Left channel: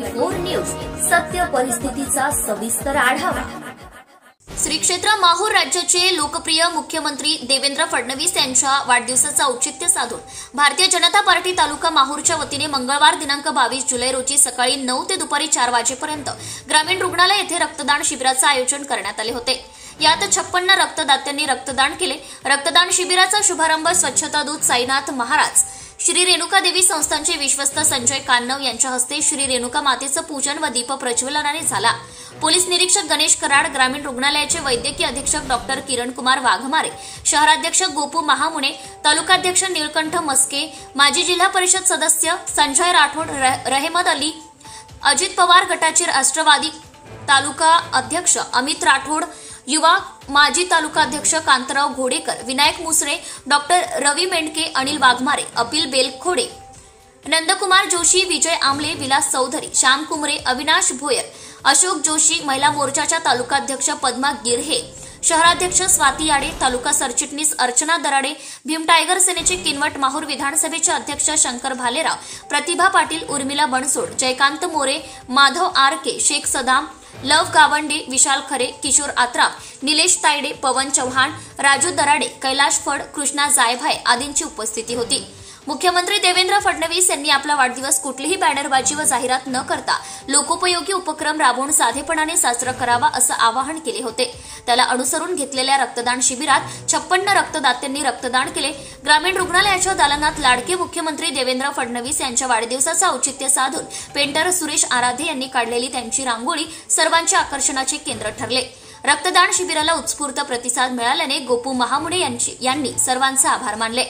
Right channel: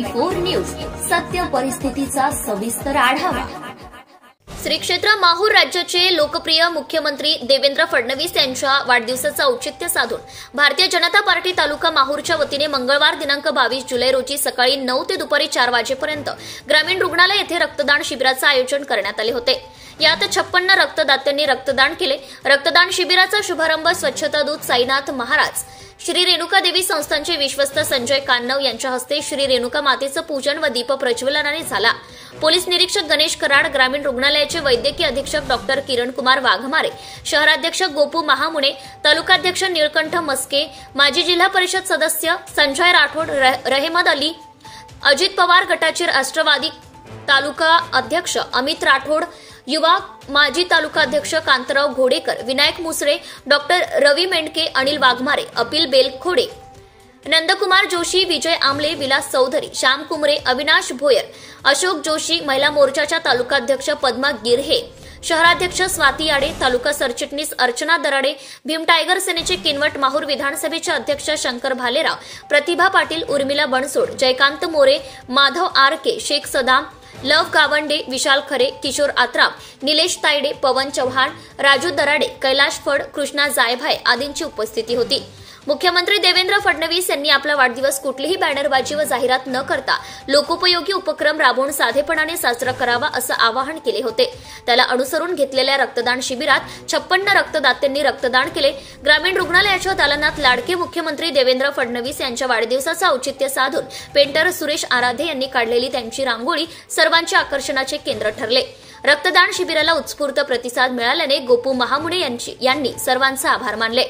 24 news सत्य परिस्थितीचा सविस्तर आढावा। श्री क्षेत्र माहूर राज्याचे लोकप्रिय मुख्यमंत्री देवेंद्र फडणवीस यांच्या वाढदिवसाचं औचित्य साधून भारतीय जनता पार्टी तालुका माहूरच्या वतीने मंगळवार दिनांक 22 जुलै रोजी सकाळी 9 ते दुपारी 4 वाजेपर्यंत ग्रामीण रुग्णालय येथे रक्तदान शिबिराचं आयोजन करण्यात आले होते। यात 56 रक्तदात्यांनी रक्तदान केले। रक्तदान शिबिराचा शुभारंभ स्वच्छता दूत साईनाथ महाराज, श्री रेणुका देवी संस्थानचे विश्वस्त संजय कान्नव यांच्या हस्ते श्री रेणुका मातेचं पूजन व दीप प्रज्वलनाने झाला। पोलीस निरीक्षक गणेश कराड, ग्रामीण रुग्णालयाचे वैद्यकीय अधीक्षक डॉक्टर किरण कुमार वाघमारे, शहराध्यक्ष गोपू महामुने, तालुकाध्यक्ष निळकंठ मस्के, माजी जिल्हा परिषद सदस्य संजय राठोड, रहेमद अली, अजित पवार गटाचे राष्ट्रवादी तालुका अध्यक्ष अमित राठोड, युवा माजी तालुकाध्यक्ष कांतराव घोडेकर, विनायक मुसळे, डॉक्टर रवी मेंढके, अनिल वाघमारे, अपिल बेलखोडे, नंदकुमार जोशी, विजय आमले, विलास चौधरी, श्याम कुमरे, अविनाश भोयर, अशोक जोशी, महिला मोर्चाच्या तालुकाध्यक्ष पद्मा गिरहे, शहराध्यक्ष स्वाती आडे, तालुका सरचिटणीस अर्चना दराडे, भीम टायगर सेनेचे किनवट, माहूर विधानसभेचे अध्यक्ष शंकर भालेराव, प्रतिभा पाटील, उर्मिला बनसोड, जयकांत मोरे, माधव आरके, शेख सदाम, लव गावंडे, विशाल खरे, किशोर आत्राम, निलेश तायडे, पवन चव्हाण, राजू दराडे, कैलाश फड, कृष्णा जायभाय आदींची उपस्थिती होती। मुख्यमंत्री देवेंद्र फडणवीस यांनी आपला वाढदिवस कुठलीही बॅनरबाजी व जाहिरात न करता लोकोपयोगी उपक्रम राबवून साधेपणाने साजरा करावा असं आवाहन केले होते। त्याला अनुसरून घेतलेल्या रक्तदान शिबिरात 56 रक्तदात्यांनी रक्तदान केले। ग्रामीण रुग्णालयाच्या दालनात लाडके मुख्यमंत्री देवेंद्र फडणवीस यांच्या वाढदिवसाचं औचित्य साधून पेंटर सुरेश आराधे यांनी काढलेली त्यांची रांगोळी सर्वांच्या आकर्षणाचे केंद्र ठरले। रक्तदान शिबिराला उत्स्फूर्त प्रतिसाद मिळाल्याने गोपू महामुने यांनी सर्वांचे आभार मानले।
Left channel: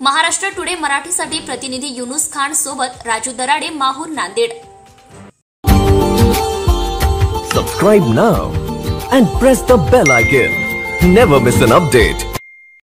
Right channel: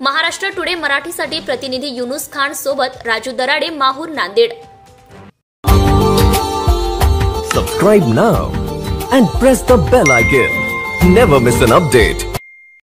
महाराष्ट्र टुडे मराठीसाठी प्रतिनिधी युनुस खान सोबत Raju Darade, Mahur, Nanded. Subscribe now and press the bell icon. Never miss an update.